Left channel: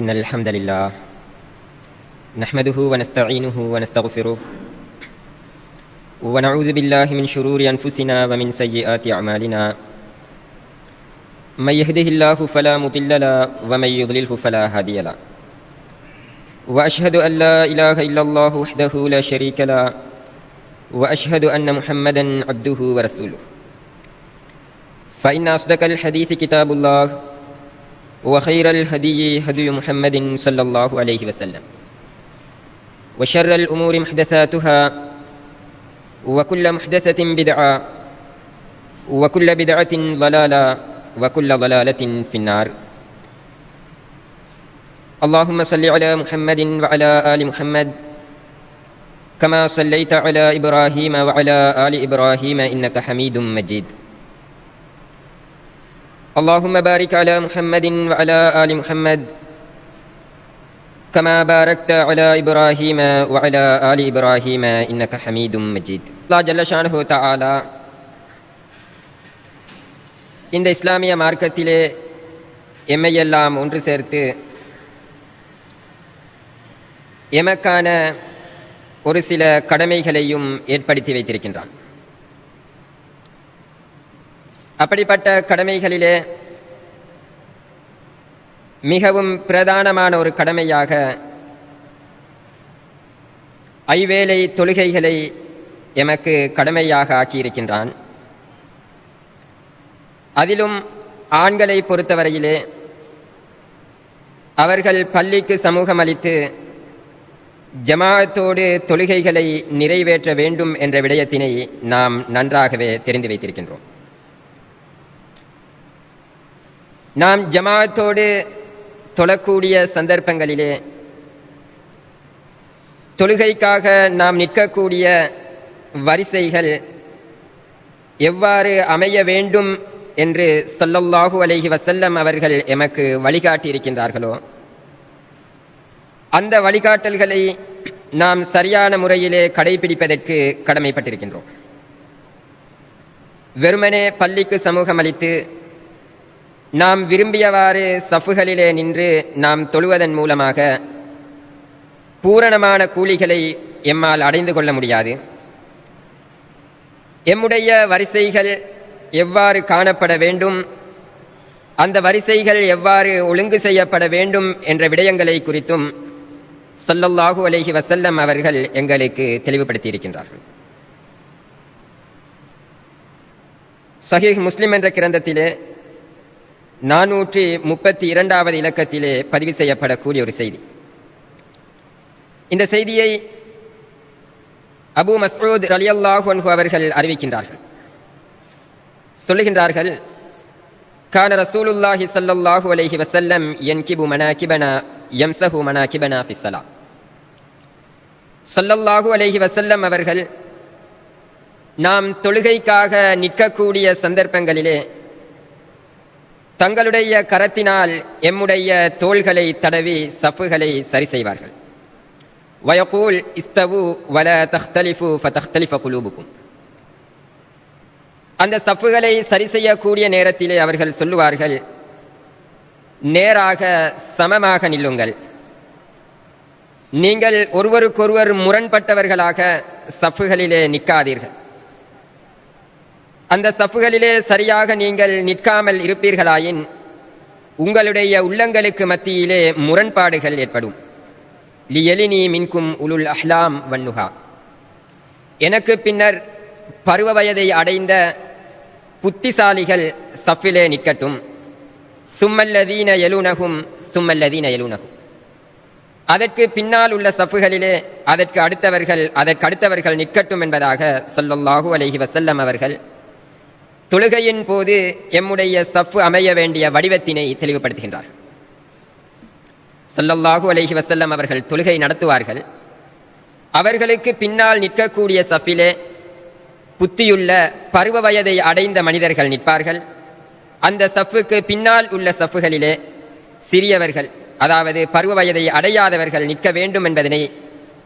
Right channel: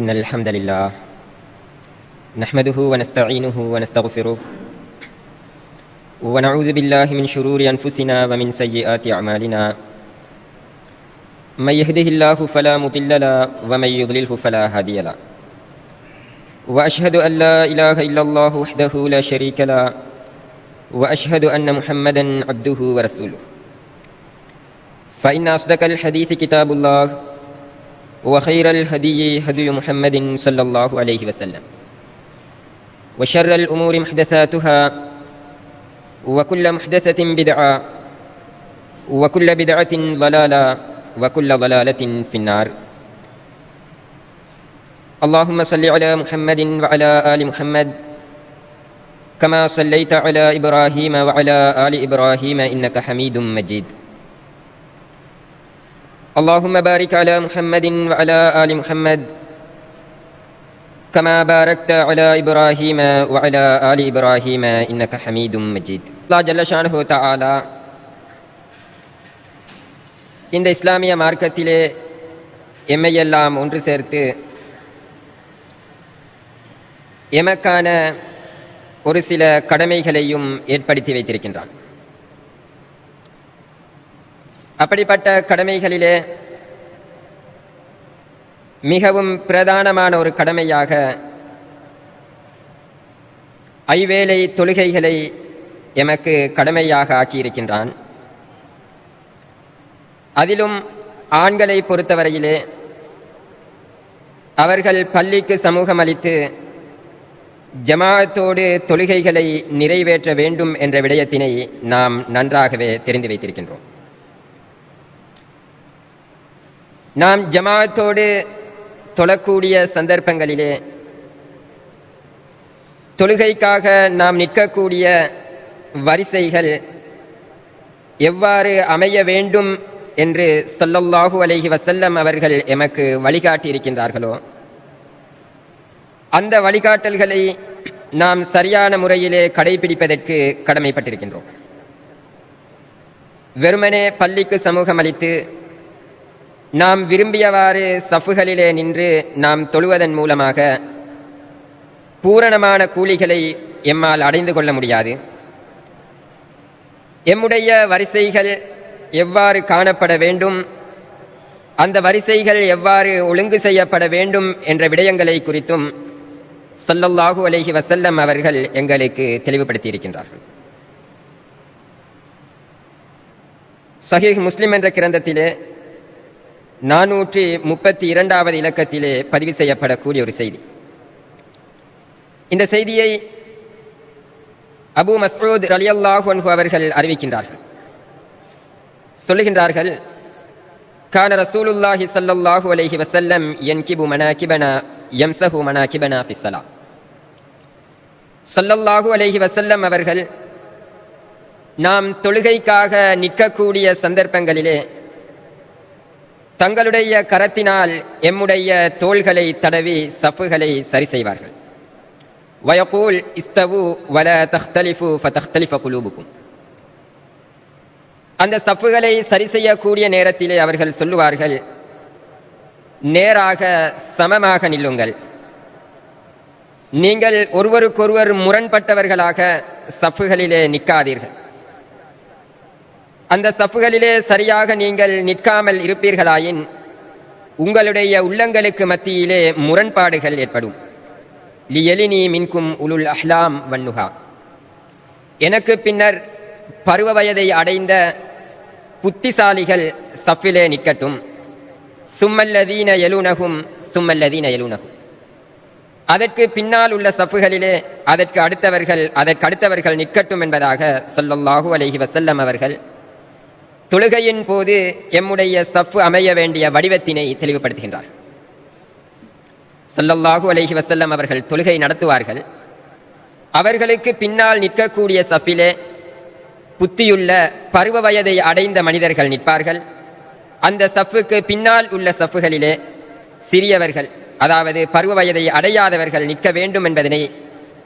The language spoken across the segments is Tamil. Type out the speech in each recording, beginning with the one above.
إن الحمد لله نحمده ونستعينه ونستغفره ونعوذ بالله من شرور أنفسنا ومن سيئات أعمالنا من يهده الله فلا مضل له ومن يضلله فلا هادي له وأشهد أن لا إله إلا الله وحده لا شريك له وأشهد أن محمدا عبده ورسوله فإن أصدق الحديث كتاب الله وخير الهدي هدي محمد صلى الله عليه وسلم وشر الأمور محدثاتها وكل محدثة بدعة وكل بدعة ضلالة وكل ضلالة في النار. اللهم صل على محمد وعلى آل محمد كما صليت على إبراهيم وعلى آل إبراهيم إنك حميد مجيد. اللهم بارك على محمد وعلى آل محمد كما باركت على إبراهيم وعلى آل إبراهيم إنك حميد مجيد. الله جل شانه تعالى இந்த இஸ்லாமிய மார்க்கத்திலே எம்மையெல்லாம் ஒன்று சேர்த்து எமக்கான ஒரு சில கடமைகளையும் ஏற்படுத்தி வைத்திருக்கின்றார். அப்படிப்பட்ட கடமைகளிலே மிகவும் பிரதானமான ஒரு கடமையாக ஐவேளை தொழுகைகளை எமக்கு கடமையாக ஆக்கியிருக்கின்றான். அதிலும் ஆண்களை பொறுத்தவரையிலே அவர்கள் பள்ளிக்கு சமூகம் அளித்து ஜமாஅத்தோடு தொழுகைகளை நிறைவேற்ற வேண்டும் என்ற விடயத்தினை நாம் நன்றாகவே தெரிந்து வைத்திருக்கின்றோம். நாம் ஜமாஅத்தோடு தொழக்கூடிய சந்தர்ப்பங்களிலே தொழுகைக்காக நாம் நிற்கக்கூடிய வரிசைகள் எவ்வாறு அமைய வேண்டும் என்று ஸல்லல்லாஹு அலைஹி வஸல்லம் அவர்கள் எமக்கு வழிகாட்டி இருக்கின்றார்களோ அந்த வழிகாட்டல்களை நாம் சரியான முறையிலே கடைபிடிப்பதற்கு கடமைப்பட்டிருக்கின்றோம். வெறுமனே பள்ளிக்கு சமூகம் அளித்து நாம் விரும்பியவாறு சஃப்புகளிலே நின்று நாம் தொழுவதன் மூலமாக பூரணமான கூலிகளை எம்மால் அடைந்து கொள்ள முடியாது. எம்முடைய வரிசைகள் எவ்வாறு காணப்பட வேண்டும், அந்த வரிசைகள் எவ்வாறு ஒழுங்கு செய்யப்பட வேண்டும் என்ற விடயங்களை குறித்தும் ஸல்லல்லாஹு அலைஹி வஸல்லம் அவர்கள் எங்களுக்கு தெளிவுபடுத்தி இருக்கின்றார்கள். ஸஹீஹ் முஸ்லிம் என்ற கிரந்தத்திலே 432வது இலக்கத்திலே பதிவு செய்யப்படக்கூடிய ஒரு செய்தி. இந்த செய்தியை அபூ மஸ்ஊத் ரலியல்லாஹு அன்ஹு அவர்கள் அறிவிக்கின்றார்கள். சொல்லுகின்றார்கள், கான ரசூலுல்லாஹி ஸல்லல்லாஹு அலைஹி வஸல்லம் யன்கிபு மனாகிபனா யம்ஸஹு மனாகிபனா ஃபிஸ் ஸலாத். ஸல்லல்லாஹு அலைஹி வஸல்லம் அவர்கள் நாம் தொழுகைக்காக நிற்கக்கூடிய சந்தர்ப்பங்களிலே தங்களுடைய கரத்தினால் எம்முடைய தோள்களை தடவி சஃப்புகளை சரி செய்வார்கள். வயகூல் இஸ்தவு வலா தஹ்தலிஃபு ஃபதஹ்தலிஃப குலூபுக்கும். அந்த சஃப்புகளை சரி செய்யக்கூடிய நேரத்திலே அவர்கள் சொல்லுவார்கள், நேராக சமமாக நில்லுங்கள், நீங்கள் ஒருவருக்கொருவர் முரண்பட்டவர்களாக சஃப்புகளிலே நிற்காதீர்கள். அந்த சஃப்புகளிலே சரியாக நீங்கள் நிற்காமல் இருப்பீர்களாயின் உங்களுடைய உள்ளங்களுக்கு மத்தியிலே முரண்பாடுகள் ஏற்படும். லியலினி மின்கும் உலுல் அஹ்லாம் வன்னுஹா. எனக்கு பின்னர் பருவ வயதை அடைந்த புத்திசாலிகள் சஃபிலே நிற்கட்டும். சும்மல்லதீன யலூனஹும் சும்மல்லதீன யலூனஹும். அதற்கு பின்னால் உள்ள சஃப்புகளிலே அதற்கு அடுத்தவர்கள் நிற்கட்டும் என்பதாக ஸல்லல்லாஹு அலைஹி வஸல்லம் அவர்கள் தொழுகையின் போது எம்முடைய சஃப்பு அமைய வேண்டிய வடிவத்தினை தெளிவுபடுத்துகின்றார். ஸல்லல்லாஹு அலைஹி வஸல்லம் அவர்கள் தொழுகை நடத்துவார்கள். அவர்களுக்கு பின்னால் நிற்கக்கூடிய சஃபிலே புத்தியுள்ள பருவ வயதை அடைந்த மனிதர்கள் நிற்பார்கள். அந்த சஃப்புக்கு பின்னால் உள்ள சஃப்புகளிலே சிறியவர்கள், அதாவது பருவ வயதை அடையாதவர்கள் நிற்க வேண்டும் என்பதனை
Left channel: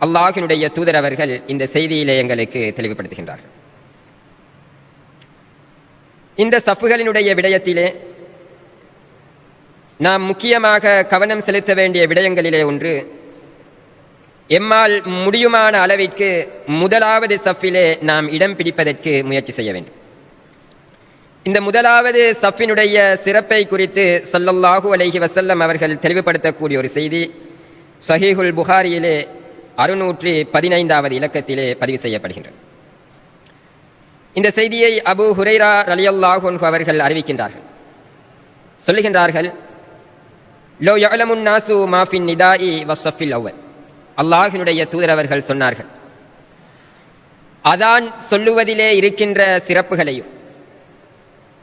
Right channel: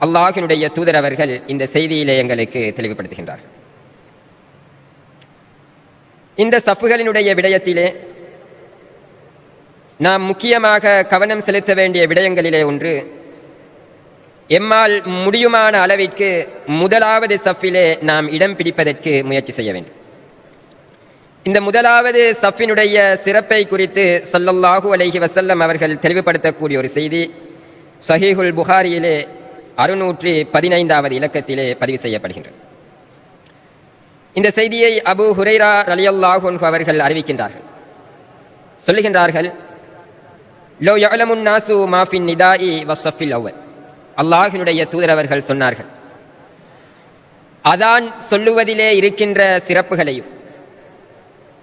அல்லாஹ்வினுடைய தூதர் அவர்கள் இந்த செய்தியிலே எங்களுக்கு தெளிவுபடுத்துகின்றார்கள். இந்த சஃப்புகளினுடைய விடயத்திலே நாம் முக்கியமாக கவனம் செலுத்த வேண்டிய விடயங்களிலே ஒன்று, எம்மால் முடியுமான அளவிற்கு முதலாவது சஃபிலே நாம் இடம் பிடிப்பதற்கு முயற்சி செய்ய வேண்டும். இந்த முதலாவது சஃபினுடைய சிறப்பை குறித்து ஸல்லல்லாஹு அலைஹி வஸல்லம் அவர்கள் தெளிவுபடுத்தக்கூடிய ஒரு செய்தி ஸஹீஹுல் புகாரியிலே 615வது இலக்கத்திலே பதிவு செய்யப்படுகின்றது. இந்த செய்தியை அபூ ஹுரைரா ரலியல்லாஹு அன்ஹு அவர்கள் அறிவிக்கின்றார்கள். சொல்லுகின்றார்கள், லோ யஅலமுன் நாசு மா ஃபின் நிதாஇ வஸ்ஸஃபில் அவ்வல். அல்லாஹ்வினுடைய தூதர் அவர்கள் சொன்னார்கள், அதான் சொல்லுவதிலே இருக்கின்ற சிறப்புகளையும்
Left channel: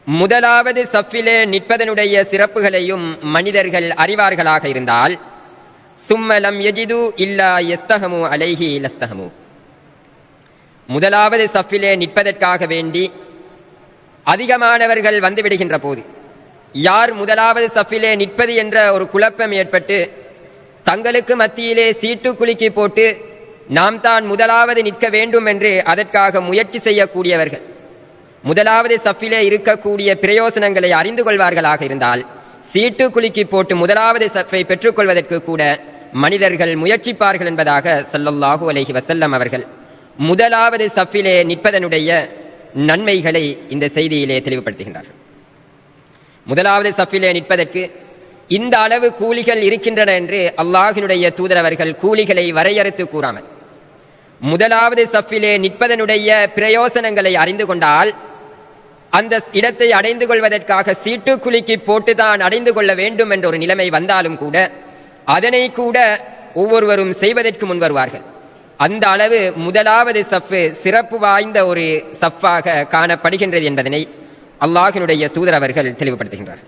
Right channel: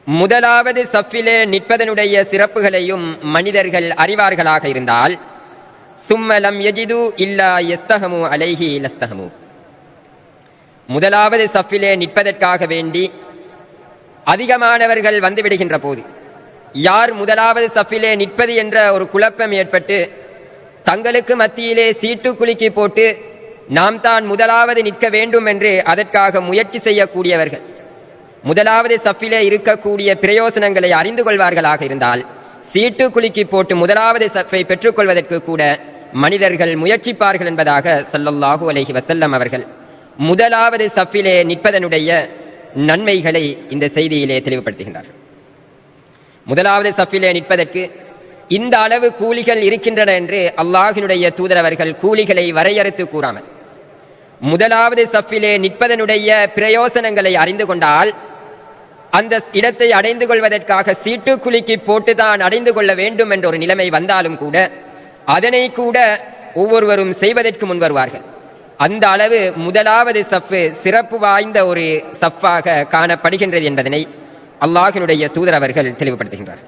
முதலாவது சஃபிலே நிற்பதனுடைய சிறப்புகளையும் மனிதர்கள் அறிவார்களாக இருந்தால், சும்ம லம் யஜிது இல்லா யஸ்தஹமு அலைஹி லஸ்தஹமு. முதலாவது சஃபிலே நிற்பதற்காக வேண்டி அதிகமானவர்கள் வந்துவிடுகின்ற போது, யார் முதலாவது சஃபிலே நிற்பது என்ற ஒரு குழப்பம் ஏற்பட்டு தங்களுக்கு மத்தியிலே சீட்டு குலுக்கி போட்டு நாம் தான் முதலாவது நிற்க வேண்டும் என்று அதற்காக முயற்சி செய்யக்கூடியவர்கள் முதலாவது சஃபிலே இருக்கக்கூடிய பிரயோசனங்களை அறிந்து கொள்வார்களாக இருந்தால், சீட்டு குலுக்கி போட்டு முதலாவது சஃபை பெற்றுக்கொள்வதற்கு கூட மனிதர்கள் முயற்சிப்பார்கள் என்பதாக ஸல்லல்லாஹு அலைஹி வஸல்லம் அவர்கள் முதலாவது சஃபிலே நிற்பதனுடைய நன்மைகளை இந்த செய்தியிலே தெளிவுபடுத்துகின்றார். முதலாவது சஃபிலே நிற்பதற்கு இந்த அளவு கூலிகள் இருக்கின்றன என்று அல்லாஹ்வினுடைய தூதர் அவர்கள் கூலிகளை வரையறுத்து கூறாமல், முதலாவது சஃபிலே நிற்பதனுடைய பிரயோசனங்களை அறிந்து கொண்டால் அந்த இடத்தை அடைந்து கொள்வதற்காக சீட்டு குலுக்கி போட்டுதான் அடைந்து கொள்ள வேண்டும் என்ற ஒரு நிலைமை வந்தாலும் கூட அதனை கூட ஒவ்வொருவரும் செய்வதற்கு முன்வருவார்கள். அந்த அளவு முதலாவது சஃப்பு சிறப்பு வாய்ந்த ஒரு சஃப்பாக காணப்படுகின்றது என்பதனை அல்லாஹ்வினுடைய தூதர் அவர்கள் தெளிவுபடுத்துகின்றார்.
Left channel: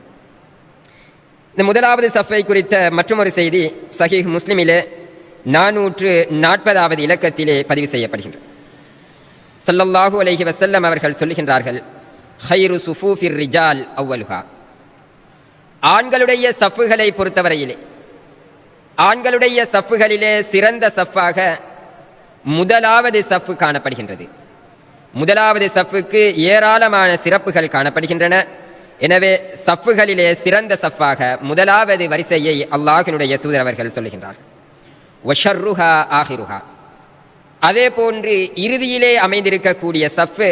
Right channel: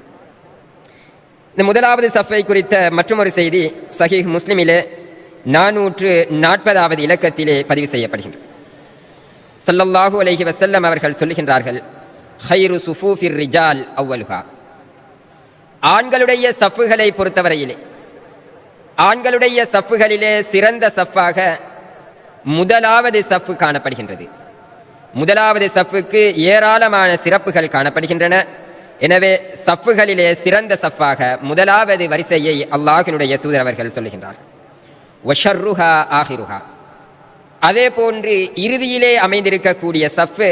இந்த முதலாவது சஃபை குறித்த மற்றொரு செய்தி ஸஹீஹ் முஸ்லிமிலே 440வது இலக்கத்திலே பதிவு செய்யப்படுகின்றது. ஸல்லல்லாஹு அலைஹி வஸல்லம் அவர்கள் சொல்லுகின்றார்கள், ஹைரு சுஃபூஃபிர் ரிஜால் அவ்வலுஹா. ஆண்களுடைய சஃப்புகளை பொறுத்தவரையிலே ஆண்களுடைய சஃப்புகளிலே சிறந்த சஃப்பாக முதலாவது சஃப்பு காணப்படுகின்றது. முதலாவது சஃப்புக்கு ஏராளமான சிறப்புகள் காணப்படுகின்றன. எனவே சஃப்புகளிலே சிறந்த சஃப்பாக முதலாவது வரிசையை அல்லாஹ்வினுடைய தூதர் அவர்கள் சொல்லுகின்றார். வஷர்ருஹா ஆஹிருஹா. அதே போன்று இறுதியிலே அமைந்திருக்கக்கூடிய சஃப்பு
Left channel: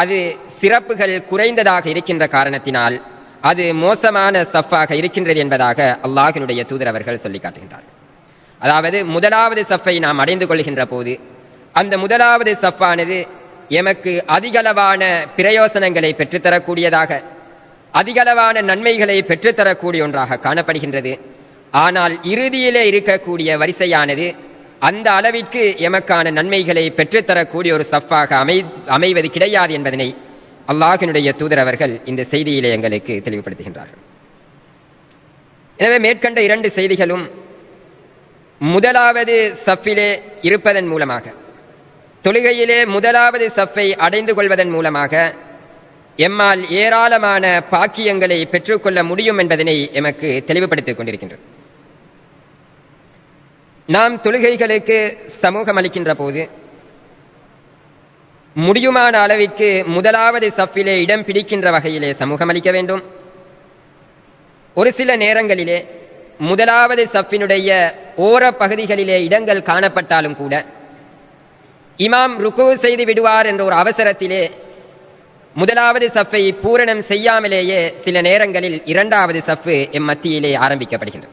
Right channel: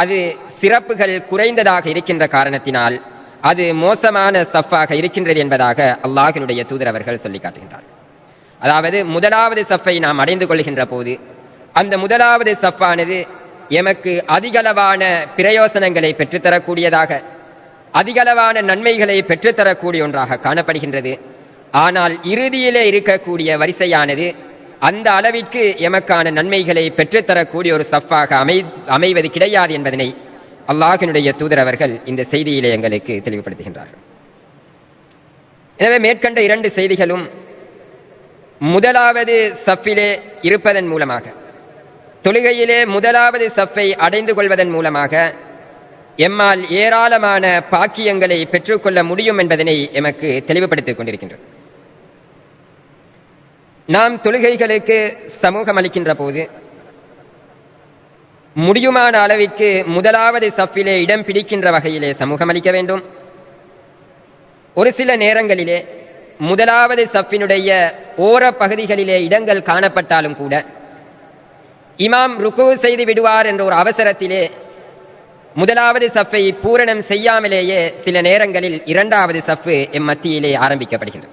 அது சிறப்புகள் குறைந்ததாக இருக்கின்ற காரணத்தினால் அது மோசமான சஃப்பாக இருக்கின்றது என்பதாக அல்லாஹ்வினுடைய தூதர் அவர்கள் சொல்லி காட்டுகின்றார். அதாவது முதலாவது சஃப்பை நாம் அடைந்து கொள்கின்ற போது அந்த முதலாவது சஃப்பானது எமக்கு அதிகளவான பிரயோசனங்களை பெற்றுத்தரக்கூடியதாக, அதிகளவான நன்மைகளை பெற்றுத்தரக்கூடிய ஒன்றாக காணப்படுகின்றது. ஆனால் இறுதியிலே இருக்கக்கூடிய வரிசையானது அந்த அளவிற்கு எமக்கான நன்மைகளை பெற்றுத்தரக்கூடிய ஒரு சஃப்பாக அமைவது கிடையாது என்பதனை அல்லாஹ்வினுடைய தூதர் அவர்கள் இந்த செய்தியிலே எங்களுக்கு தெளிவுபடுத்துகின்றார்கள். எனவே மேற்கண்ட இரண்டு செய்திகளும் முதலாவது சஃபிலே இருப்பதன் மூலமாக, தொழுகையிலே முதலாவது சஃபை அடைந்து கொள்வதன் மூலமாக எம்மால் ஏராளமான பாக்கியங்களை பெற்றுக்கொள்ள முடியும் என்பதனை எமக்கு தெளிவுபடுத்திக் கொண்டிருக்கின்றது. நாம் தொழுகைகளுக்கு சமூகம் அளிக்கின்ற போது முடியுமான அளவிற்கு முதலாவது சஃபிலே இடம் பிடிக்கின்ற வகையிலே சமூகம் அளிக்க வேண்டும். ஒரு சில நேரங்களிலே முதலாவது சஃபினுடைய ஓர பகுதிகளிலே இடங்கள் காணப்பட்டாலும் கூட இமாம் ருக்கு செய்து விடுவார் என்ற ஒரு அவசரத்திலே முதலாவது சஃபை பூரணம் செய்யாமலேயே சில நேரங்களில் இரண்டாவது சஃபு எம் மத்தியிலே ஆரம்பிக்கப்படுகிறது.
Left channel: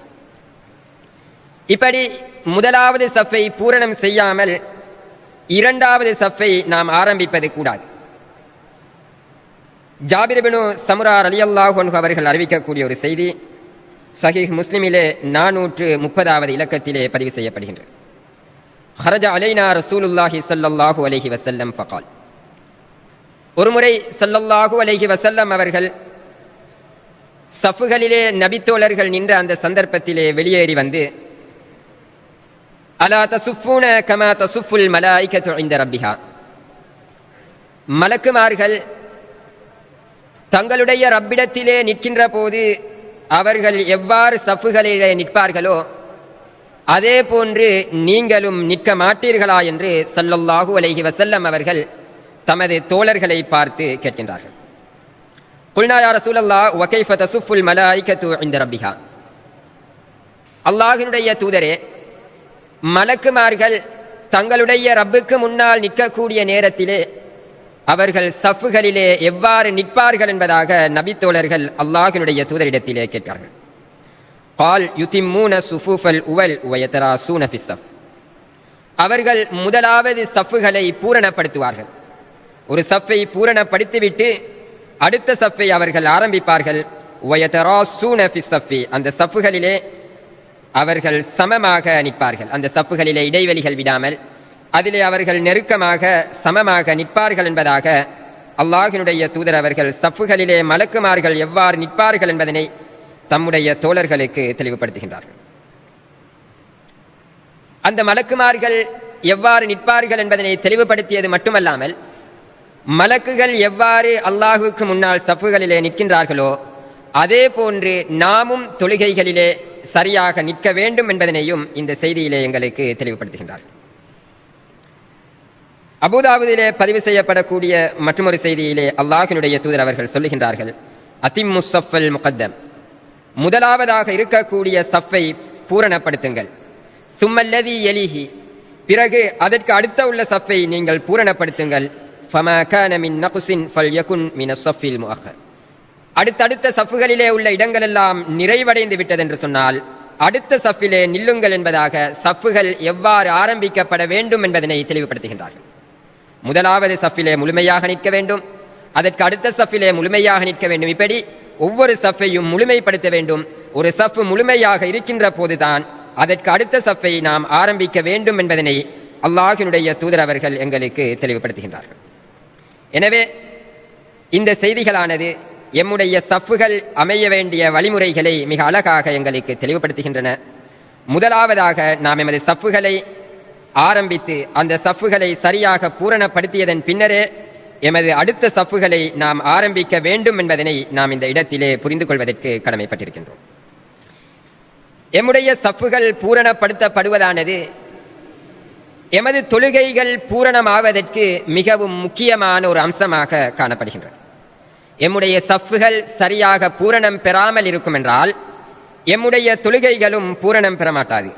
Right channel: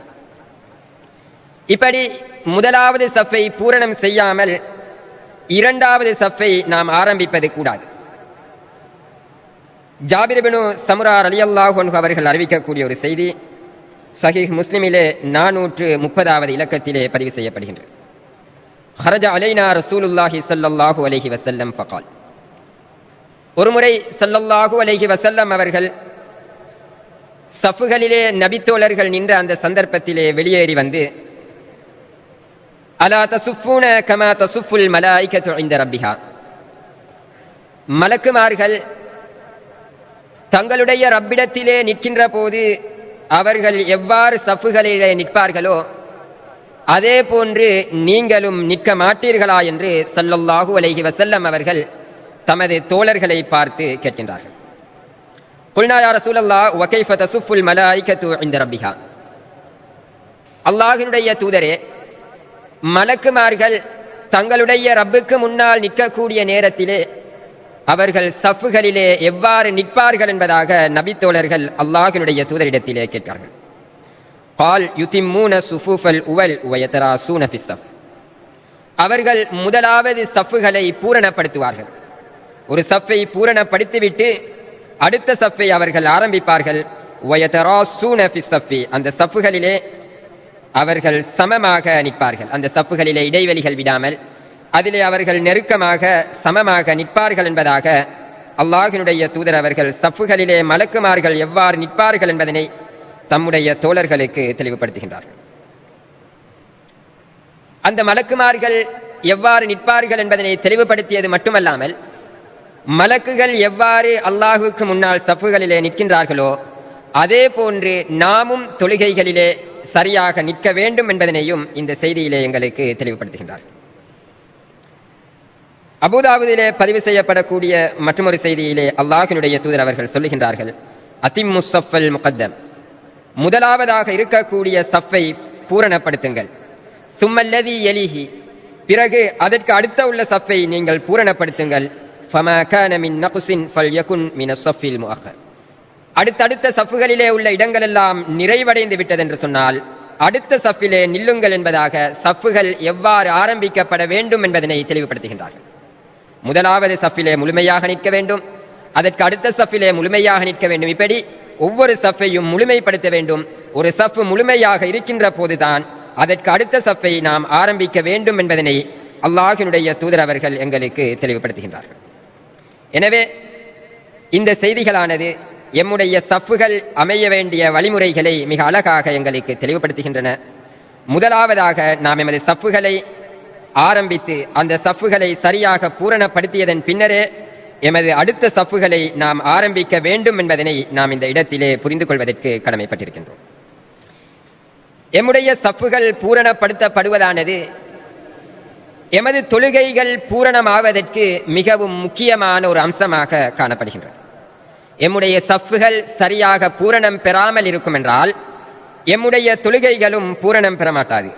இப்படி முதலாவது சஃபை பூரணம் செய்யாமல் இரண்டாவது சஃபை நாம் ஆரம்பிப்பது கூடாது. ஜாபிர் இப்னு சமுரா ரலியல்லாஹு அன்ஹு அவர்கள் அறிவிக்கக்கூடிய ஒரு செய்தி ஸஹீஹ் முஸ்லிமிலே 430வது இலக்கத்திலே பதிவு செய்யப்படுகின்றது. خرج علينا رسول الله صلى الله عليه وسلم فقال. ஒருமுறை ஸல்லல்லாஹு அலைஹி வஸல்லம் அவர்கள் சஃபுகளிலே நபித்தோழர்கள் நின்ற அந்த சந்தர்ப்பத்திலே வெளியேறி வந்து, அலா தசுஃபூன கமா தசுஃபுல் மலாயிகத்து இன்த ரப்பிஹா. மலக்குமார்கள் தங்களுடைய ரப்பிடத்திலே நிற்கின்ற போது அவர்கள் எவ்வாறு சஃபுகளிலே நிற்பார்களோ அதே போன்று நீங்களும் நிற்க மாட்டீர்களா என்று ஸல்லல்லாஹு அலைஹி வஸல்லம் அவர்கள் தமது தோழர்களை பார்த்து கேட்கின்றார்கள். குல்னா யா ரசூலல்லாஹ் வ கைஃப தஸுஃபுல் மலாயிகத்து இன்த ரப்பிஹா. அல்லாஹ்வினுடைய தூதரே, மலக்குமார்கள் தங்களுடைய ரப்புக்கு முன்னால் நிற்கக்கூடிய நேரத்திலே அவர்கள் சஃப்புகளிலே எவ்வாறு நிற்பார்கள் என்பதாக நபித்தோழர்கள் அல்லாஹ்வினுடைய தூதரிடத்திலே கேட்கிறார்கள். قال يتمون الصفوف الاول ويتراصون في الصف. அவர்கள் முதலாவது சஃப்புகளை பூரணப்படுத்துவார்கள். ஒரு சஃப்பை பூரணப்படுத்திவிட்டு அடுத்த சஃப்பை அவர்கள் ஆரம்பிப்பார்கள். ويتراصون في الصف. அந்த சஃப்புகளிலே அவர்கள் சமமாக நிற்பார்கள். அந்த சஃப்புகளிலே இடைவெளிகள் விடாமல் அதிலே அவர்கள் நெருக்கமாக சமமாக நிற்பார்கள் என்பதாக அல்லாஹ்வினுடைய தூதர் அவர்கள் சஃப்புகளிலே மலக்குமார்கள் எவ்வாறு நிற்பார்கள் என்பதனை தம்முடைய தோழர்களுக்கு தெளிவுபடுத்துகின்றார்கள். அந்த மலக்குமார்கள் எவ்வாறு நிற்பார்கள் என்பதனை தெளிவுபடுத்தியது மட்டுமல்லாமல், மலக்குகள் எவ்வாறு அல்லாஹுக்கு முன்னால் சஃப்புகளிலே நிற்கின்றார்களோ அதே போன்று நாமும் தொழுகைகளிலே சரியாக நிற்க வேண்டும் என்பதனையும் இந்த செய்தியிலே எங்களுக்கு தெளிவுபடுத்துகின்றார். அபூதாவுதிலே பதிவு செய்யப்படக்கூடிய மற்றொரு செய்தியிலே அல்லாஹ்வினுடைய தூதர் அவர்கள் சொல்லுகின்றார்கள், அதிம்மு ஸஃபல் முகத்தம். முதலாவதாக இருக்கக்கூடிய சஃப்பை பூரணப்படுத்துங்கள். சும்மல்லதி யலிஹி. பிறகு அதற்கு அடுத்த உள்ள சஃப்பை நீங்கள் பூரணப்படுத்துங்கள். ஃபமா கான மின் நக்ஸின் ஃபல்யகுன் மின ஸஃபில் முஅக்கர். அடுத்தடுத்த சஃப்புகளிலே உள்ள இடங்கள் எல்லாம் நிறைவடைந்து விட்டது என்று சொன்னால் அடுத்த சஃப்பிலே நில்லுங்கள் என்பதாக சஃப்புகள் எவ்வாறு ஆரம்பிக்கப்பட வேண்டும் என்பதனை தெளிவுபடுத்துகின்றார்கள். முதலாவது சஃப்பிலே முழுமையாக நிற்க வேண்டும், அதற்கு அடுத்த சஃப்பிலே முழுமையாக நிற்க வேண்டும். இப்படி ஒவ்வொரு சஃப்பையும் முழுமைப்படுத்த வேண்டும். ஒரு சஃப்பு முழுமையாக இருக்கின்ற போதுதான் அதற்கு அடுத்த சஃப்பை நாம் ஆரம்பிக்க வேண்டும் என்பதனை அல்லாஹ்வினுடைய தூதர் அவர்கள் எங்களுக்கு தெளிவுபடுத்துகின்றார்கள். எனவே இந்த செய்திகளானது எம்முடைய சஃப்புகள் அமைய வேண்டிய வழிமுறைகளை மிக அழகாக எங்களுக்கு தெளிவுபடுத்துகின்றன. முதலாவதாக நாம் எமது சஃப்புகளை ஆரம்பித்து அந்த சஃப்புகளை சரியாக பூரணப்படுத்தியதன் பின்னரே எமது அடுத்த சஃப்புகளை நாம் ஆரம்பிக்க வேண்டும் என்பதனை நாம் இந்த இடத்திலே புரிந்து கொள்வதற்கு கடமைப்பட்டிருக்கின்றோம். எம்முடைய சஃப்புகள் பூரணப்படுத்தப்படுவதானது எமது தொழுகைகள் பூரணமாவதற்கு மிகவும் முக்கியமான ஒரு அம்சமாக காணப்படுகின்றது. எம்முடைய சஃப்புகள் சரியாக பூரணம் பெறாமல் இருக்கும் என்றால் எம்முடைய தொழுகைகளும் பூரணம் பெறமாட்டாது.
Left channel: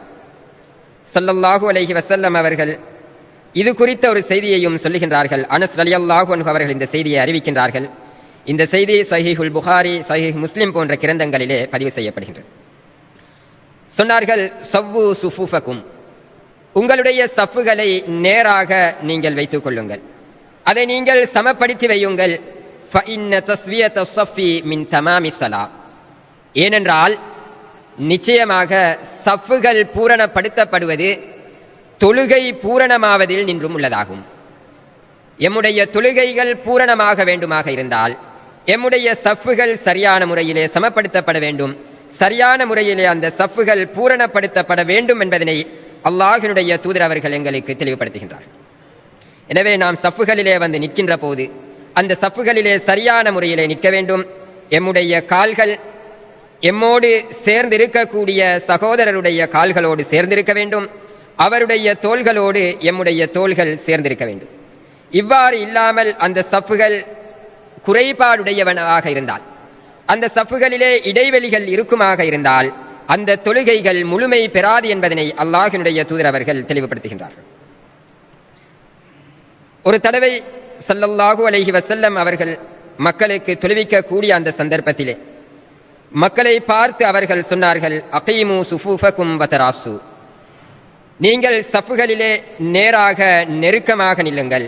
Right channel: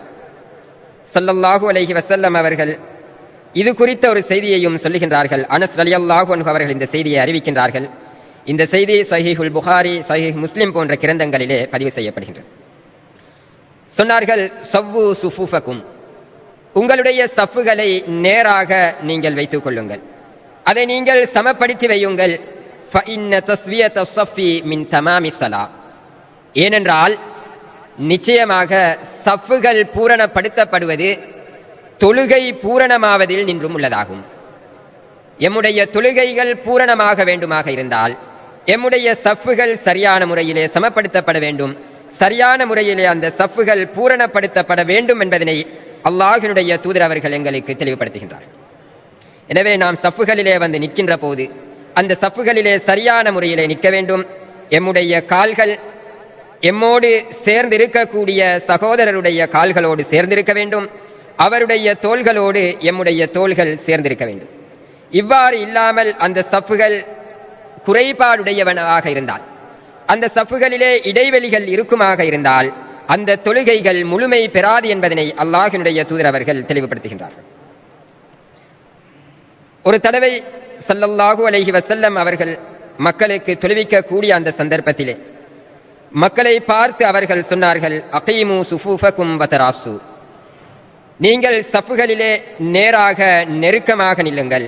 ஸல்லல்லாஹு அலைஹி வஸல்லம் அவர்கள் இது குறித்த ஒரு செய்தியையும் சொல்லுகின்றார்கள். அனஸ் ரலியல்லாஹு அன்ஹு அவர்கள் இந்த செய்தியை அறிவிக்கின்றார்கள். இந்த செய்தி ஸஹீஹுல் புகாரி, ஸஹீஹ் முஸ்லிம் போன்ற கிரந்தங்களிலே பதிவு செய்யப்படுகின்றது. சொன்னார்கள், ஸவ்வு ஸுஃபூஃபகும். உங்களுடைய சஃப்புகளை நேராக நீங்கள் வைத்துக் கொள்ளுங்கள், அதை நீங்கள் சமப்படுத்தி வையுங்கள். فَإِنَّ تَسْوِيَةَ الصَّفِّ مِنْ تَمَامِ الصَّلَاةِ. ஏனென்றால் நிச்சயமாக சஃப்புகள் பூரணப்படுத்தப்படுவது தொழுகை பூரணமாவதில் நின்றும் உள்ளதாகும். எம்முடைய தொழுகைகள் பூரணமாக வேண்டுமாக இருந்தால் எம்முடைய சஃப்புகள் சரியான முறையிலே சமப்படுத்தப்பட வேண்டும். சரியான முறையிலே அந்த சஃப்புகள் பூரணப்படுத்தப்பட வேண்டும் என்பதனை அல்லாஹ்வினுடைய தூதர் அவர்கள் எங்களுக்கு தெளிவுபடுத்துகின்றார்கள். எனவே நாம் சஃப்புகளிலே வந்து நிற்கின்ற போது அந்த சஃப்புகளிலே சரியான முறையிலே நிற்க வேண்டும். எம்முடைய கால்கள் எம்மோடு சேர்ந்திருக்கக்கூடிய சகோதரருடைய கால்களோடு சேர்ந்திருக்க வேண்டும். அவருடைய தோள்களோடு எம்முடைய தோள்கள் சேர்ந்திருக்க வேண்டும். இவ்வாறு இல்லாமல் அந்த சஃப்புகள் குறைபாடுடையவனாக இருந்தால், அந்த சஃப்புகளிலே இடைவெளிகள் இருக்குமாக இருந்தால் அந்த தொழுகைகள் முழுமை பெறாது என்பதனை அல்லாஹ்வினுடைய தூதர் அவர்கள் தெளிவுபடுத்துகின்றார்கள். ஒரு தடவை ஸல்லல்லாஹு அலைஹி வஸல்லம் அவர்கள் மக்களுக்கு தெரிவிக்கக்கூடிய அந்த சந்தர்ப்பத்திலே மக்களை பார்த்து அவர்கள் சொன்னார்கள், அகீமு ஸுஃபூஃபகும் வதராசு. நீங்கள் சஃப்புகளிலே நேராக நெருக்கமாக நில்லுங்கள்.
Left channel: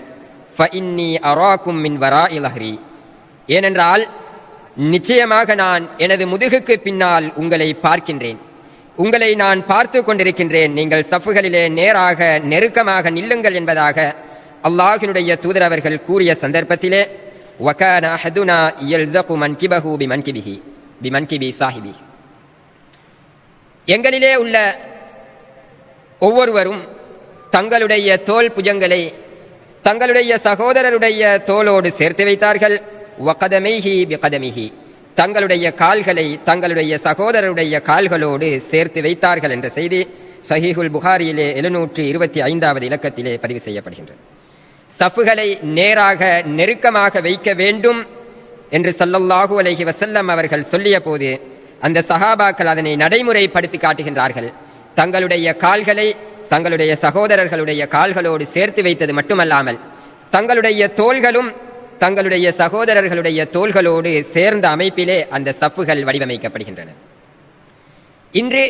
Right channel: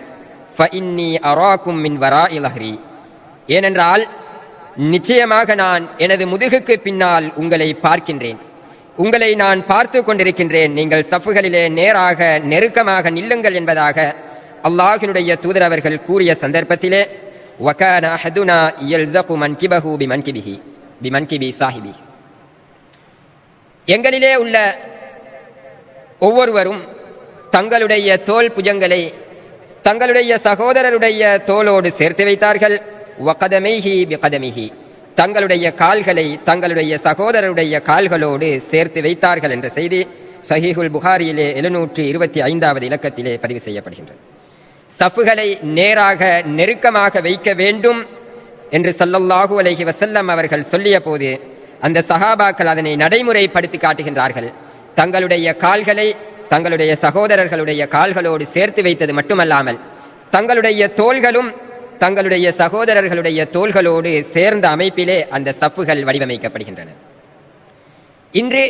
ஃபஇன்னி அராகும் மின் வராஇ லஹ்ரி. ஏனென்றால் நிச்சயமாக நான் எனது முதுகுக்கு பின்னால் உங்களை பார்க்கின்றேன், உங்களை நான் பார்த்து கொண்டிருக்கின்றேன். நீங்கள் சஃப்புகளிலே நேராக நெருக்கமாக நில்லுங்கள் என்பதாக அல்லாஹ்வினுடைய தூதர் அவர்கள் கூறிய சந்தர்ப்பத்திலே வகான அஹதுனா யல்ஸகு மன்கிபஹு பிமன்கிபி சாஹிபி. எங்களிலே உள்ள ஒவ்வொருவரும் தங்களுடைய தோல் புஜங்களை தங்களுடைய சகோதரருடைய தோளோடு சேர்த்து வைத்தார்கள். வகதமைஹி பிகதமிஹி. தங்களுடைய கால்களை தங்களுடைய சகோதரருடைய கால்களோடு சேர்த்து வைத்தார்கள் என்ற செய்தி ஸஹீஹுல் புகாரியிலே 725வது இலக்கத்திலே பதிவு செய்யப்படுகின்றது. சஃப்புகளை நேராக நெருக்கமாக வைக்க வேண்டும் என்று ஸல்லல்லாஹு அலைஹி வஸல்லம் அவர்கள் சொல்லிய போது அந்த சஹாபாக்கள் அதனை நடைமுறைப்படுத்தி காட்டுகின்றார்கள். தங்களுடைய கால்களை தங்களுடைய சகோதரர்களுடைய கால்களோடு சேர்த்து வைத்தது மட்டுமல்லாமல் தங்களுடைய தோள்களும் தங்களுடைய சகோதரர்களுடைய தோள்களோடு சேர்ந்த அமைப்பிலே அந்த சப்புகள் வடிவமைக்கப்படுகின்றன. இன்று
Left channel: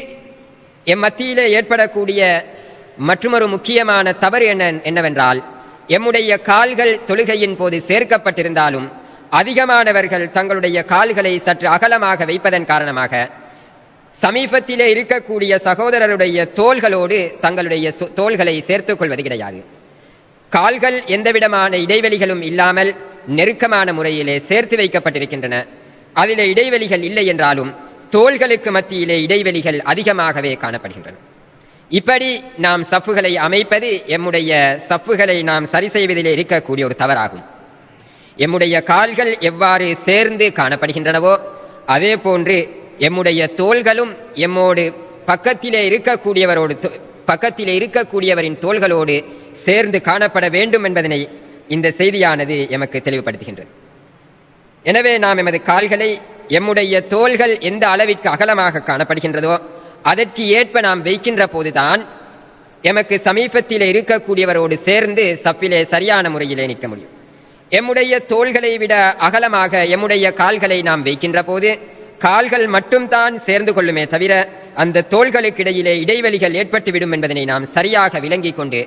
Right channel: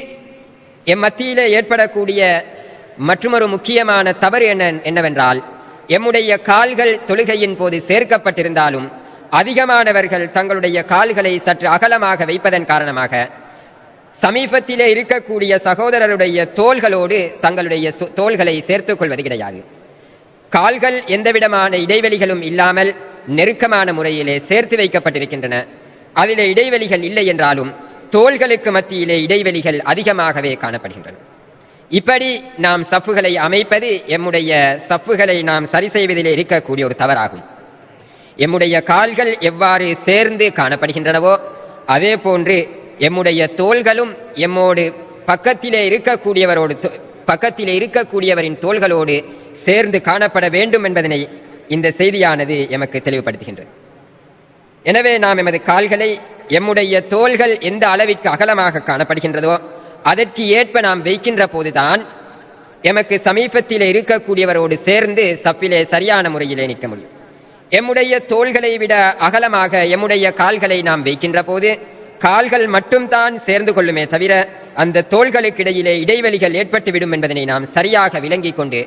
மத்தியிலே ஏற்படக்கூடிய மற்றொரு முக்கியமான தவறு என்னவென்றால், எம்முடைய கால்கள் தொழுகையின் போது சேர்க்கப்பட்டிருந்தாலும் அதிகமானவர்கள் தங்களுடைய கால்களை சற்று அகலமாக வைப்பதன் காரணமாக சமீபத்திலே இருக்கக்கூடிய சகோதரருடைய தோள்களோடு தங்களுடைய தோள்களை சேர்த்துக் கொள்வது கிடையாது. கால்கள் எந்தவிதமான இடைவெளிகளும் இல்லாமல் நெருக்கமான முறையிலே சேர்த்து வைக்கப்பட்டிருக்கின்றன. அதிலே இடைவெளிகள் இல்லை என்றாலும் தோள்களுக்கு மத்தியிலே இடைவெளிகள் அதிகமாகவே காணப்படுகின்றன. இப்படி நாம் சப்புகளை அமைப்பது எம்முடைய சப்புகளை நாம் சரி செய்வதிலே இருக்கக்கூடிய ஒரு தவறாகும். எம்முடைய கால்கள் எவ்வாறு சேர்ந்து காணப்படுகின்றனவோ அதே போன்று எம்முடைய தோள்களும் எம்மோடு பக்கத்திலே இருக்கக்கூடியவரின் தோள்களோடு சேர்ந்து காணப்பட வேண்டும் என்பதனை இந்த செய்தியானது எமக்கு தெளிவுபடுத்துகின்றது. எனவே நாம் எமது கால்களை எம்முடைய தோள்கள் எந்த அளவிற்கு அகலமாக காணப்படுகின்றதோ அதற்கு ஏற்ப நாம் வைக்கின்ற போதுதான் எமக்கு சமீபத்திலே இருக்கக்கூடியவரோடு சேர்ந்து சப்பிலே சரியான முறையிலே நிற்க முடியும். எம்முடைய தோள்களை விட அகலமாக எம்முடைய கால்களை நாம் வைக்கின்ற போது கால்கள் மட்டும் தான் சேர்ந்து கொள்ளுமே தவிர அந்த தோள்களுக்கு இடையிலே இடைவெளிகள் ஏற்பட்டுவிடும் என்பதனை நாம் சரியாக விளங்கிக் கொண்டு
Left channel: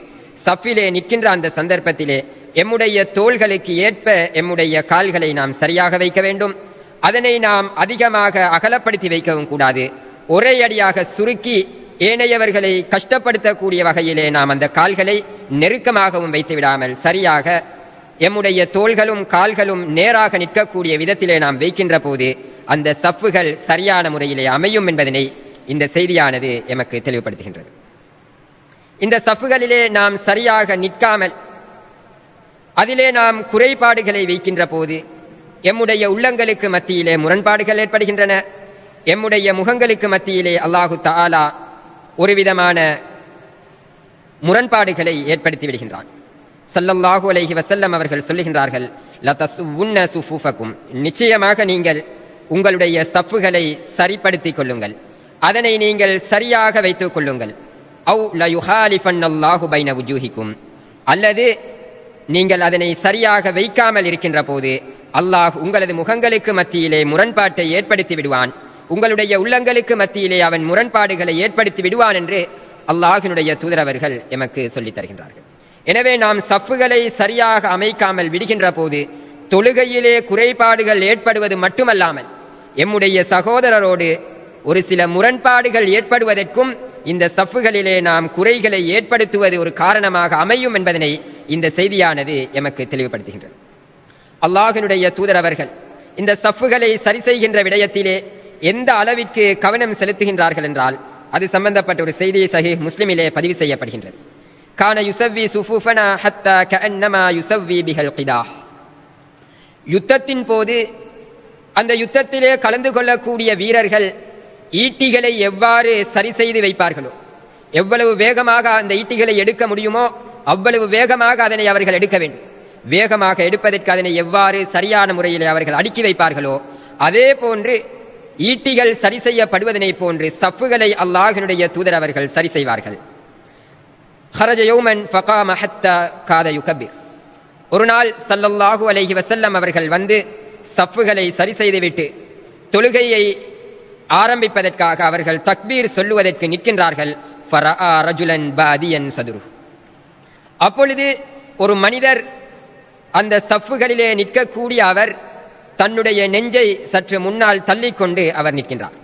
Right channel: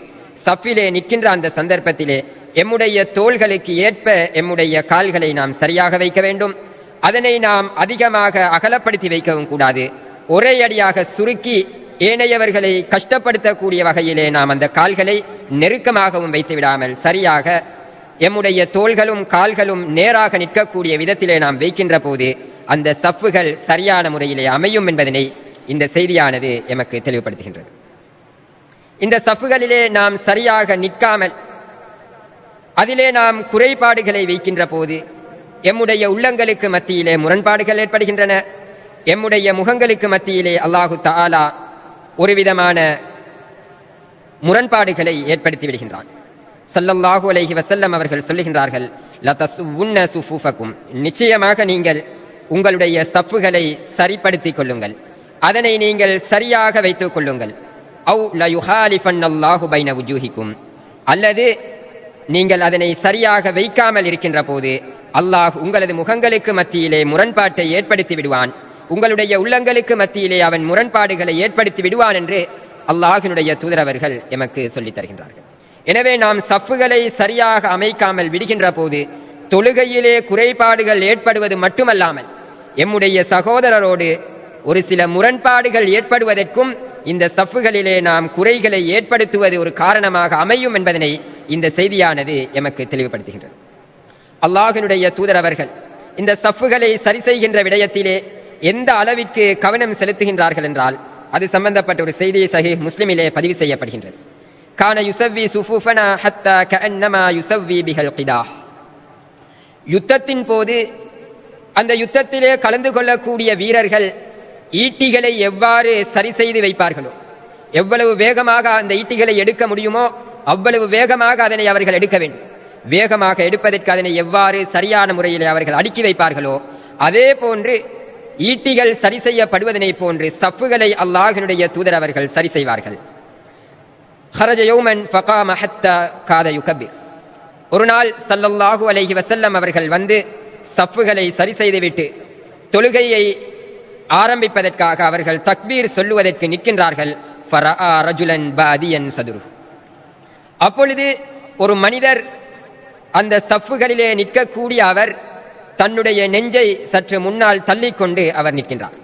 சப்பிலே நிற்கின்ற அந்த சந்தர்ப்பத்திலே எம்முடைய தோள்களுக்கு ஏற்ப எம்முடைய கால்களை நாம் சரியாக வைக்க வேண்டும். அதனை நாம் அதிகமாக அகலப்படுத்தி வைக்கவும் கூடாது. ஒரே அடியாக சுருக்கி ஏனையவர்களை கஷ்டப்படுத்தக்கூடிய வகையிலே நாம் அந்த கால்களை நெருக்கமாகவும் வைத்து விடாமல் சரியாக எம்முடைய தோள்களும் கால்களும் நேராக நிற்கக்கூடிய விதத்திலே நாம் வைக்கின்ற போது அந்த சப்புகள் சரியான முறையிலே அமையும் என்பதனை இந்த செய்தியானது எமக்கு தெளிவுபடுத்துகின்றது. இந்த சப்புகளிலே நாம் சரியாக நிற்காமல் அதிலே நாம் குறைபாடுகளை வைக்கின்ற போது எம்முடைய உள்ளங்களுக்கு மத்தியிலே முரண்பாடுகள் ஏற்படுகின்றன. எம்முடைய முகங்களுக்கு மத்தியிலே அல்லாஹு தஆலா ஒரு விதமான முரண்பாடுகளை ஏற்படுத்தி விடுகின்றார். ஸல்லல்லாஹு அலைஹி வஸல்லம் அவர்கள் சொல்லுகின்றார்கள், லதஸுவுன்ன ஸுஃபூஃபகும், நிச்சயமாக நீங்கள் உங்களுடைய சப்புகளை சரிப்படுத்திக் கொள்ளுங்கள், அதனை நீங்கள் சரியாக வைத்துக் கொள்ளுங்கள். அவு லயுஹாலிஃபன்னல்லாஹு பைன வுஜூஹிக்கும், அல்லது நீங்கள் அதனை சரியாக வைக்காமல் இருக்கின்ற போது அல்லாஹ் உங்களது முகங்களுக்கு மத்தியிலே முரண்பாட்டை ஏற்படுத்தி விடுவான், உங்களுடைய உள்ளங்களுக்கு மத்தியிலே அவன் முரண்பாடுகளை ஏற்படுத்தி விடுவான் என்று அல்லாஹ்வினுடைய தூதரவர்கள் எமக்கு சொல்லித் தருகின்றார்கள். எனவே நாம் சப்புகளை சரியாக அமைக்காமல் விடுகின்ற போது தொழுகையிலே குறைபாடுகள் ஏற்படுவது மட்டுமல்லாமல் எம்முடைய சகோதரரோடு ஒரு சில முரண்பாடுகள் ஏற்படுவதற்கும் இந்த சப்புகளிலே நாம் குறைகளை ஏற்படுத்துவது ஒரு காரணமாக அமையும் என்பதனை இந்த செய்தியானது எமக்கு தெளிவுபடுத்துகின்றது. அல்லாஹ்வினுடைய தூதரவர்கள் இந்த சப்புகளை சரி செய்கின்ற விடயத்திலே எந்த அளவிற்கு கவனம் செலுத்துகின்றார்கள் என்றால் அது சம்பந்தப்பட்ட ஒரு செய்தி சஹீஹ் முஸ்லிமிலே பதிவு செய்யப்படுகின்றது. கான யுஸவ்வி சுஃபூஃபனா ஹத்தா கஅன்னமா யுஸவ்வி பிஹல் கிதாஹ். யுத்தத்தின் போது அந்த யுத்தத்திலே கலந்து கொள்ளக்கூடிய வீரர்கள் ஈட்டிகளை எவ்வாறு சரி செய்து வைப்பார்களோ, எவ்வளவு வேகமாக அந்த ஈட்டிகளை எடுக்க முடியுமோ அவ்வளவு வேகமாக அதனை அவர்கள் எடுக்க வேண்டும். வேகமாக எடுப்பதற்கு அதனை எவ்வாறு சரியான முறையிலே அவர்கள் அடுக்கி வைப்பார்களோ அதே போன்று ஈட்டிகள் சரி செய்யப்படுவதனை போன்று சப்புகளை அல்லாஹ்வினுடைய தூதர் அவர்கள் சரி செய்வார்கள். ஒரு நாள் ஸல்லல்லாஹு அலைஹி வஸல்லம் அவர்கள் வந்து சப்புகளை சரி செய்துவிட்டு தொழுகையை ஆரம்பிப்பதற்காக அவர்கள் தக்பீர் சொல்லுவதற்கு நிற்கின்றார்கள். அப்பொழுது ஒரு மனிதர் அந்த சப்புகளிலே நிற்கக்கூடிய அவர் தன்னுடைய நெஞ்சை சற்று முன்னால் தள்ளிக்கொண்டு அவர் நிற்கின்றார்.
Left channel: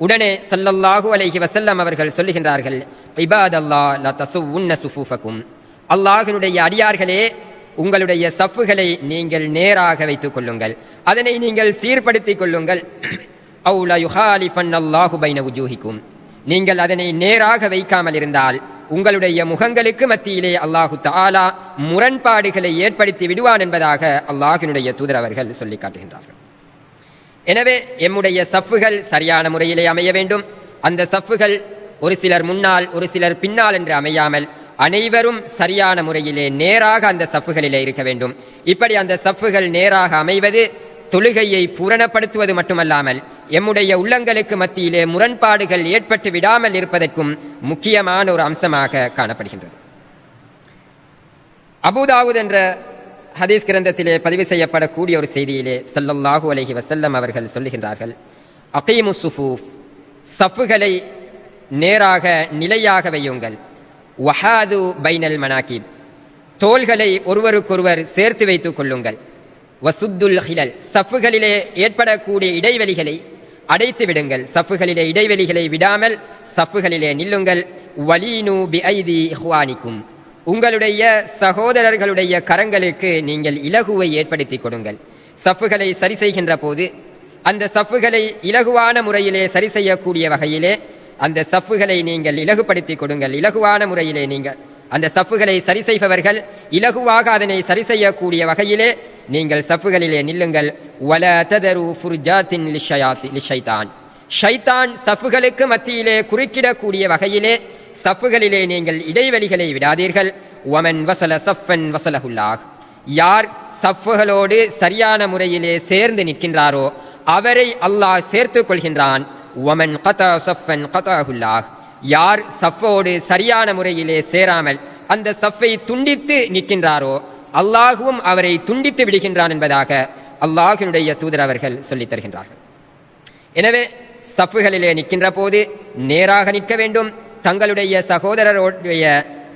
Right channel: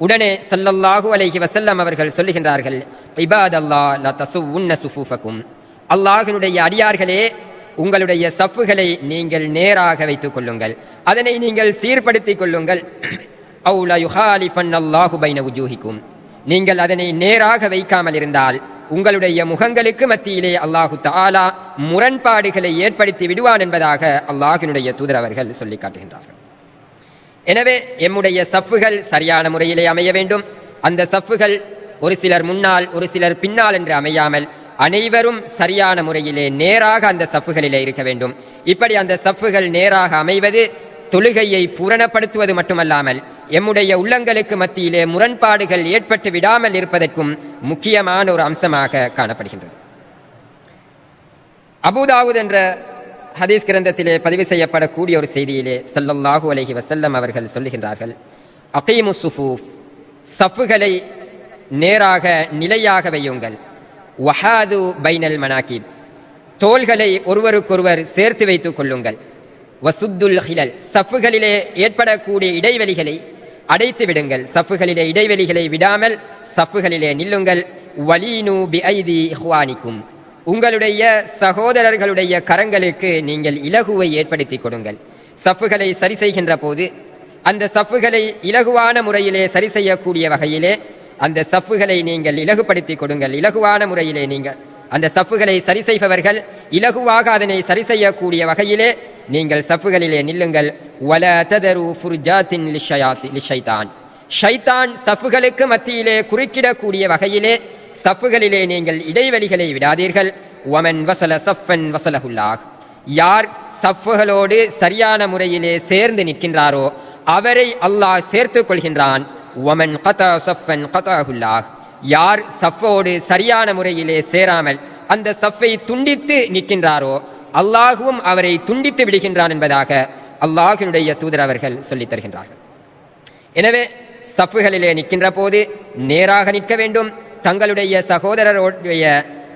உடனே ஸல்லல்லாஹு அலைஹி வஸல்லம் அவர்கள் சொல்லுகின்றார்கள், இபாதல்லாஹ் லா தஸுவுன்ன ஸுஃபூஃபகும், அல்லாஹ்வுடைய அடியார்களே உங்களுடைய சப்புகளை நீங்கள் நேராக வைத்துக் கொள்ளுங்கள், அதனை நீங்கள் சீர்படுத்திக் கொள்ளுங்கள். அவு லா யுஹாலிஃபன்னல்லாஹு பைன வுஜூஹிக்கும், நீங்கள் அதனை நேராக வைக்காமல் இருந்தால் உங்களுடைய முகங்களுக்கு மத்தியிலே அல்லாஹு தஆலா முரண்பாடுகளை ஏற்படுத்தி விடுவான் என்பதாக அல்லாஹ்வினுடைய தூதர் அவர்கள் சொல்லி காட்டுகின்றார். எனவே எம்முடைய சப்புகள் சரியான முறையிலே அமைய வேண்டும். அந்த சப்புகள் ஒரு சிலர் முன்னால் ஒரு சிலர் பின்னால் என்று அமையாமல் அனைவரும் சரியான முறையிலே நேராக அந்த சப்புகளிலே இருக்க வேண்டும். இப்படி அந்த சப்புகள் நேராக அமைவது தொழுகையை பூரணப்படுத்துவது மட்டுமல்லாமல் எம்முடைய உள்ளங்களுக்கு மத்தியிலே முரண்பாடுகள் ஏற்பட்டு விடாமல் இருப்பதற்கும் முக்கியமான ஒரு அம்சமாக காணப்படுகின்றது. அபூதாவூத் என்ற ஹதீஸ் கிரந்தத்திலே பதிவு செய்யப்படக்கூடிய ஒரு செய்தியிலே ஸல்லல்லாஹு அலைஹி வஸல்லம் அவர்கள் சொல்லுகின்றார்கள், அகீமு ஸுஃபூஃப், சஃப்களை நேராக நிலையாக வையுங்கள், வஹாது பைனல் மனாகிப், தோள்களை ஒருவருக்கொருவர் சேர்த்து வைத்துக் கொள்ளுங்கள், வசுத்துல் ஹிலல், சஃப்களிலே ஏற்படக்கூடிய இடைவெளிகளை அடைத்து விடுங்கள், சஃப்களிலே இடைவெளிகளை விடாமல் சஃப்களிலே நில்லுங்கள், வலீனு பிஐதி இஹ்வானிக்கும், உங்களுடைய சகோதரர்களுடைய கரங்களுக்கு நீங்கள் இலகுவை ஏற்படுத்திக் கொடுங்கள். சஃப்களை சரி செய்கின்ற போது அந்த சஃப்களை இலகுவான முறையிலே சரி செய்யக்கூடிய வகையிலே அந்த சஃப்களை நீங்கள் இலகுபடுத்திக் கொடுங்கள். இலகுவான முறையிலே நீங்கள் அந்த சஃப்களை சரி செய்பவர்கள் இலகுவாக அதனை சரி செய்யக்கூடிய வகையிலே நீங்கள் சஃப்களிலே நில்லுங்கள். வலா ததரு ஃபுர்ஜாத்தின் லிஷைத்தான், ஷைத்தான் சஃப்களுக்கு மத்தியிலே குறுக்கிடக்கூடிய வகையிலே சஃப்களிலே நீங்கள் இடைவெளிகளை விடாதீர்கள். வமன் வஸல ஸஃபன் வஸலஹுல்லாஹ், யார் சஃப்களோடு சரியான முறையிலே சேர்ந்து நிற்கின்றாரோ அவரை அல்லாஹ் சேர்த்துக் கொள்கின்றான். வமன் கதா ஸஃபன் கதஹுல்லாஹ், யார் சஃப்போடு சரியான முறையிலே சேராமல் அந்த சஃப்பை துண்டித்து நிற்கின்றாரோ அல்லாஹுவும் அவரை துண்டித்து விடுகின்றான் என்பதாக அல்லாஹ்வுடைய தூதர் அவர்கள் சொல்லித் தருகின்றார்கள். எனவே சஃப்களிலே நிற்கின்ற போது நேராக நிற்க வேண்டும். தங்களுடைய சகோதரருடைய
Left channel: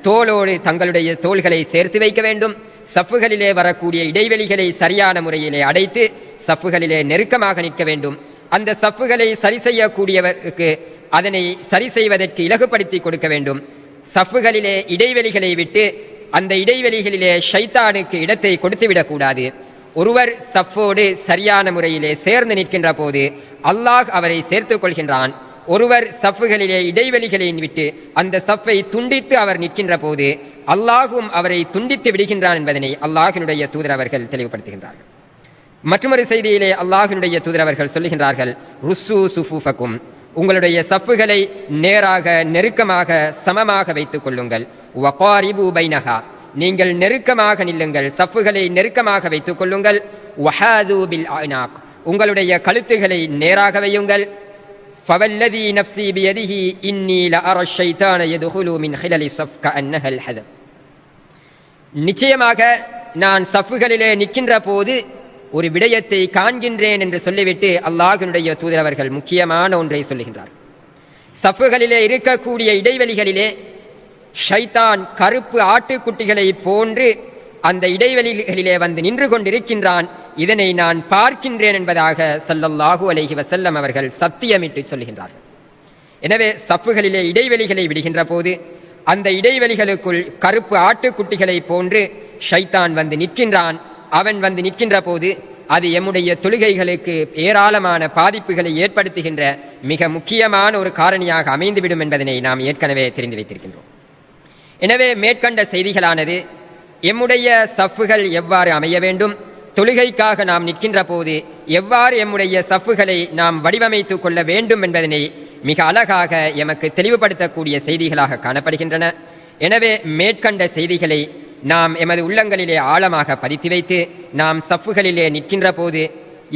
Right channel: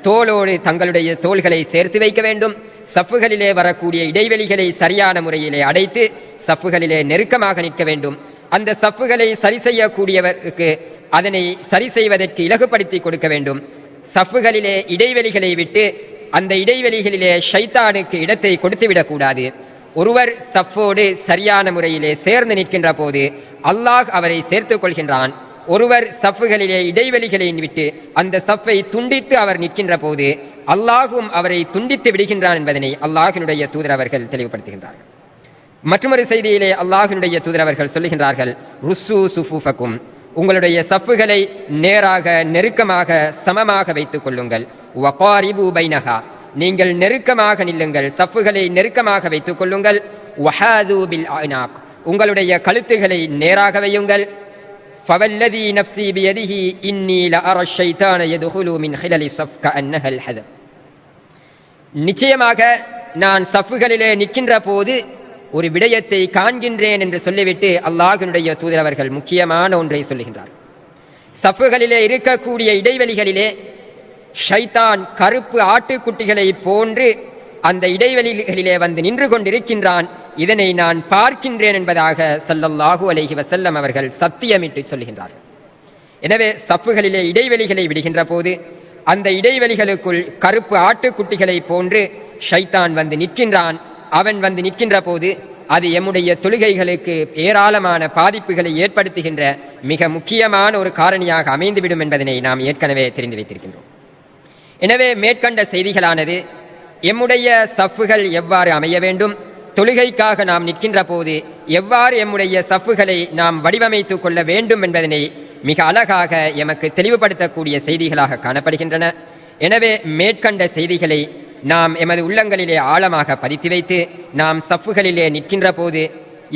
தோளோடு தங்களுடைய தோள்களை சேர்த்து வைக்க வேண்டும். சஃப்களிலே வரக்கூடிய இடைவெளிகளை சரியான முறையிலே அடைத்து சஃப்களிலே நெருக்கமாக நிற்க வேண்டும். அந்த சஃப்களை சரி செய்யக்கூடியவருக்கு அதனை சரி செய்வதற்கு இலகுபடுத்தி கொடுக்க வேண்டும். சஃப்களிலே இடைவெளிகளை விட்டு அந்த இடைவெளிகளிலே ஷைத்தானுக்கு இடத்தை கொடுத்துவிடக் கூடாது. ஒருவர் சஃப்போடு சரியான முறையிலே சேர்ந்து நிற்கின்ற போது அல்லாஹ் அவரை சேர்த்துக் கொள்கின்றான். ஒருவர் சஃப்களிலே இடைவெளிகளை விட்டு அந்த சஃப்பை துண்டித்து அவர் நிற்கின்ற போது அல்லாஹும் அவரை துண்டித்து விடுகின்றான் என்பதனை அல்லாஹ்வுடைய தூதர் அவர்கள் தெளிவுபடுத்துகின்றார். மற்றொரு செய்தியிலே அல்லாஹ்வுடைய தூதர் அவர்கள் சொல்லுகின்றார்கள், ருஸ்ஸு சுஃபூஃபக்கும், உங்களுடைய சஃப்களை நேராக நெருக்கமாக சமமாக வைத்துக் கொள்ளுங்கள். வகாரிபு பைனஹா, நீங்கள் நெருக்கமாக நில்லுங்கள், சஃப்களை நெருக்கமாக வைத்துக் கொள்ளுங்கள். வஹாது பில் அனாக், உங்களுடைய கழுத்துகளை நேராக வையுங்கள். ஃபவல்லதி நஃப்ஸி பியதிஹி இன்னி லஅரா ஷைத்தான யதுகுலு மின் ஹிலலி ஸஃப் கஅன்னஹல் ஹதம், நிச்சயமாக நான் சஃப்களிலே நிற்கின்ற போது ஒரு விடயத்தை காண்கின்றேன் என்று சொல்லிவிட்டு அல்லாஹ்வுடைய தூதர் அவர்கள் முக்கியமான ஒன்றை சொல்லுகின்றார். சஃப்களிலே இருக்கக்கூடிய இடைவெளிகளிலே ஷைத்தான் கருப்பு ஆட்டுக்குட்டிகளை போன்று அந்த இடைவெளிகளிலே வந்து நின்று கொண்டிருக்கின்றான், இதனை நான் பார்க்கின்றேன் என்பதாக ஸல்லல்லாஹு அலைஹி வஸல்லம் அவர்கள் சத்தியமிட்டு சொல்லுகின்றார். எனவே சஃப்களிலே இடைவெளிகளை விடுகின்ற போது அந்த இடைவெளிகளுக்குள் கருப்பு ஆட்டுக்குட்டிகளை போன்று ஷைத்தான் வந்து நிற்கின்றான். அவன் வந்து நிற்கின்ற போது அது எம்முடைய தொழுகைகளுக்கு ஏராளமான பாதிப்புகளை ஏற்படுத்துகின்ற மிக முக்கியமான ஒரு காரணியாக அமைந்துவிடும் என்பதனை நாம் ஏற்கனவே தெரிந்து வைத்திருக்கின்றோம். எனவே மேற்கண்ட செய்திகளானது எம்முடைய சஃப்கள் எவ்வாறு அமைய வேண்டும், தொழுகைக்காக நாம் நிற்கின்ற போது எவ்வாறு எம்முடைய சஃப்களை நாம் வடிவமைத்துக் கொள்ள வேண்டும் என்பதனை மிக அழகாக எமக்கு தெளிவுபடுத்தக்கூடிய செய்திகளாக காணப்படுகின்றன. எனவே மேற்கண்ட செய்திகளை நாம் எமது உள்ளங்களிலே ஆழமாக பதித்து வைத்து நாம் சஃப்களிலே நிற்கின்ற போது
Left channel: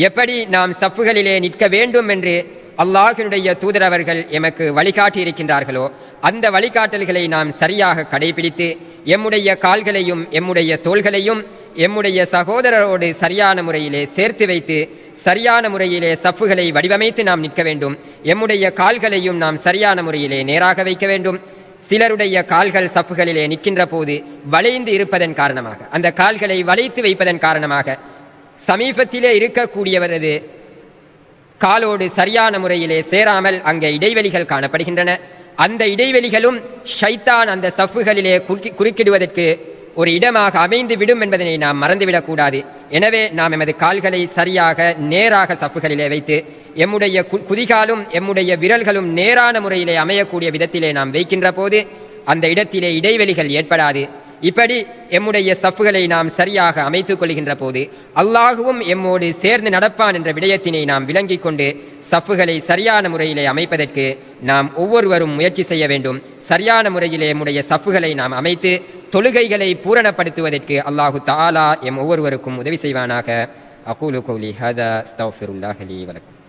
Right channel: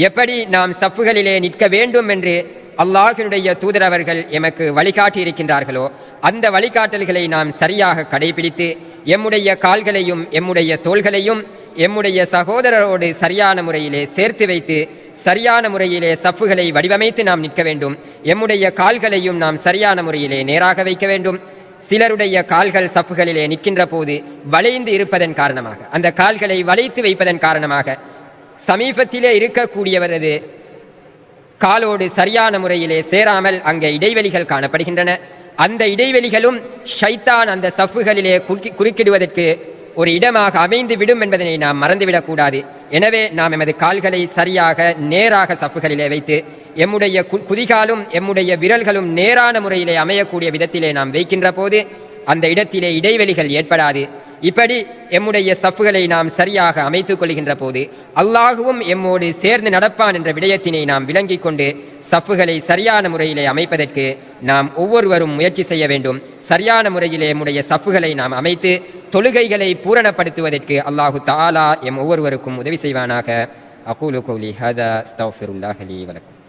எப்படி நாம் சஃப்களிலே நிற்க வேண்டும் என்று அல்லாஹ்வுடைய தூதர் அவர்கள் எமக்கு வழிகாட்டி இருக்கின்றார்களோ அந்த வழிகாட்டல்களை நாம் சரியாக கடைபிடித்து எம்முடைய கால்களையும் எம்முடைய தோள்களையும் எம்முடைய சகோதரரோடு சரியான முறையிலே சேர்த்து வைத்து சரியான முறையிலே சஃப்களை வடிவமைத்து நாம் நிற்க வேண்டும். எம்முடைய கால்களையும் நாம் சரியான முறையிலே நேராக வைக்க வேண்டும். சிலருடைய கால்கள் சஃப்களிலே நிற்கின்ற போது வளைந்து இருப்பதன் காரணமாக, அந்த கால்களை வளைத்து வைப்பதன் காரணமாக சமீபத்திலே இருக்கக்கூடியவரது காலோடு சரியான முறையிலே சேராமல் அங்கே இடைவெளிகள் காணப்படுகின்றன. அந்த இடைவெளிகளும் ஷைத்தான் அந்த சஃப்களிலே குறுக்கிடுவதற்கு ஒரு இடமாக அமைந்து விடும் என்பதனை நாம் மறந்துவிடக் கூடாது. எனவே நாம் எமது கால்களை சரியாக நேராக சஃப்களிலே வைத்து எம்முடைய குதிகாலும் எம்முடைய விரல்களும் நேரான முறையிலே அமையக்கூடிய விதத்திலே நாம் வைக்கின்ற போது அந்த இடத்திலே இடைவெளிகள் ஏற்படாது. இப்படி எம்முடைய சஃப்களை நாம் சரியாக அமைத்துக் கொள்கின்ற போது அல்லாஹுவும் எம்மோடு சேர்ந்து நடப்பான் என்ற விடயத்தினை நாம் விளங்கிக் கொண்டு சஃப்களை சரியான முறையிலே அமைப்பதற்கு நாம் ஒவ்வொருவரும் முயற்சி செய்ய வேண்டும். சரியான முறையிலே எம்முடைய சஃப்களை நாம் அமைத்து தொழுகைகளை பூரணப்படுத்துவதற்கு அல்லாஹு தஆலா எம் ஒவ்வொருவருக்கும் உதவி செய்வானாக. أقول قولي هذا أستغفر الله لي ولكم.